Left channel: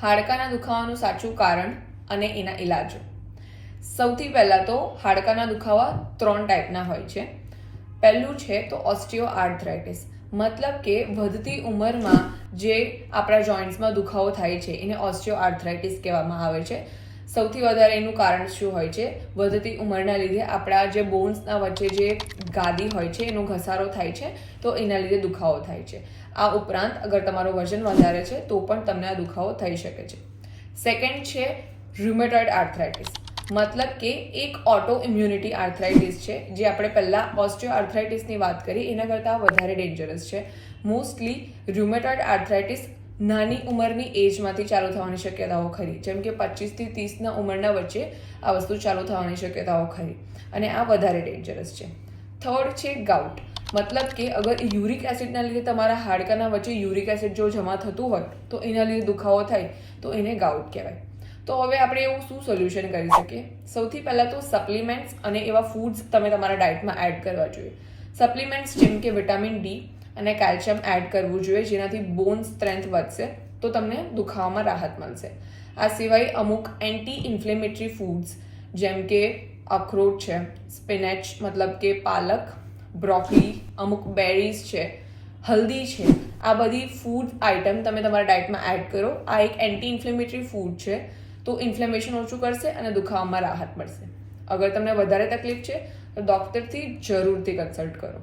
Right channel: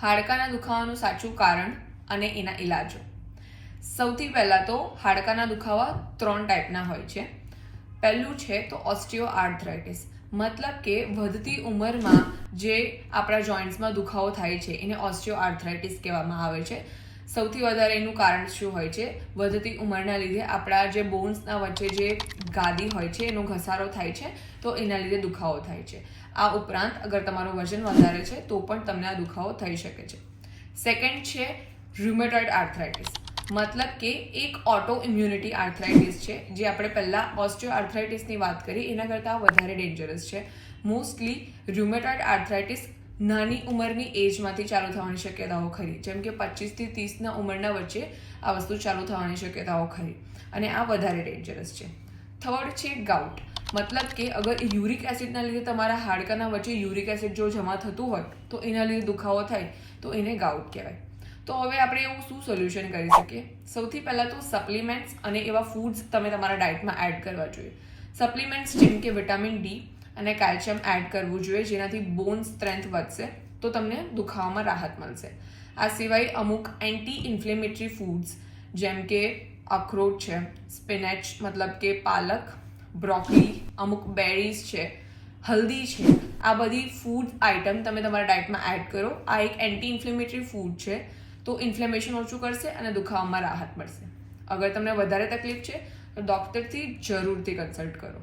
હાડકાના દુખાવાનું સાચું કારણ અને એના ઇલાજો. સૌથી પહેલાં તો હાડકાના દુખાવા 3 ટાઈપના હોય છે. પહેલું છે તો ઓસ્ટિયોઆર્થરાઇટિસ, મતલબ કે વધતી ઉંમરમાં જે આપણા જોઈન્ટ્સમાં દુખાવો થાય છે એને ઓસ્ટિયોઆર્થરાઇટિસ કહેવામાં આવે છે. સૌથી વધારે એનું કારણ શું હોય છે? વધતી ઉંમરના લીધે આપણા જે બોન્સના વચ્ચે જે ગાદી હોય છે એનો ઘસારો થાય છે, તો એના લીધે દુખાવો થાય છે. આ ઉપરાંત અગર તમારું વજન વધારે છે તો પણ તમને આ દુખાવો થઈ શકે છે. સેકન્ડ છે રુમેટોઇડ આર્થરાઇટિસ, મતલબ કે એક ઓટો ઇમ્યુનિટી આર્થરાઇટિસ છે, જે આપણે પહેલાં ઓસ્ટિયોઆર્થરાઇટિસની વાત કરી એના કરતાં વધારે ડેન્જરસ છે. મોસ્ટલી રુમેટોઇડ આર્થરાઇટિસ નાની ઉંમરની એજમાંથી ચાલુ થવાની શક્યતાઓ ખરી, જેમ કે 25 થી 30ના ઉંમરના વચ્ચે આ વસ્તુ ચાલુ થવાની શક્યતાઓ ખરી, અને આ વધારે ડેન્જરસ છે. થર્ડ છે ગાઉટ, મતલબ કે અગર યુરિક એસિડના લીધે તમારા હાડકાના વચ્ચે યુરિક એસિડ જો જમા થતું હોય તો એના લીધે દુખાવો થાય તો એને ગાઉટ કહેવાય. તો હવે આપણે એવું શું સોલ્યુશન કરી શકીએ? સૌથી પહેલાં તો સપ્લિમેન્ટ્સ અને એવા ફૂડ્સ તમે તમારા ડાયટમાં એડ કરવા જોઈએ. સપ્લિમેન્ટ્સ જેમ કે વિટામિન ડી અને કેલ્શિયમ એડ કરવું જોઈએ, જેનાથી બોન સ્ટ્રેન્થ વધશે તો તમને દુખાવામાં રાહત મળશે. આ સિવાય અમુક એન્ટી ઇન્ફ્લેમેટરી ફૂડ્સ જેમ કે અખરોટ છે, સ્પિનેચ મતલબ કે પાલક, બ્રોકોલી, અમુક બેરીઝ છે, હલ્દી છે, આ બધી ફૂડ આઇટમ તમે તમારા ડાયટમાં એડ કરો. આ એક એન્ટી ઇન્ફ્લેમેટરી ફૂડ છે, તો ઇન્ફ્લેમેશન ઓછું કરશે અને દુખાવામાં રાહત મળશે. અગર તમને વધારે તકલીફ છે તો ડૉક્ટરથી જરૂરથી કન્સલ્ટ કરો.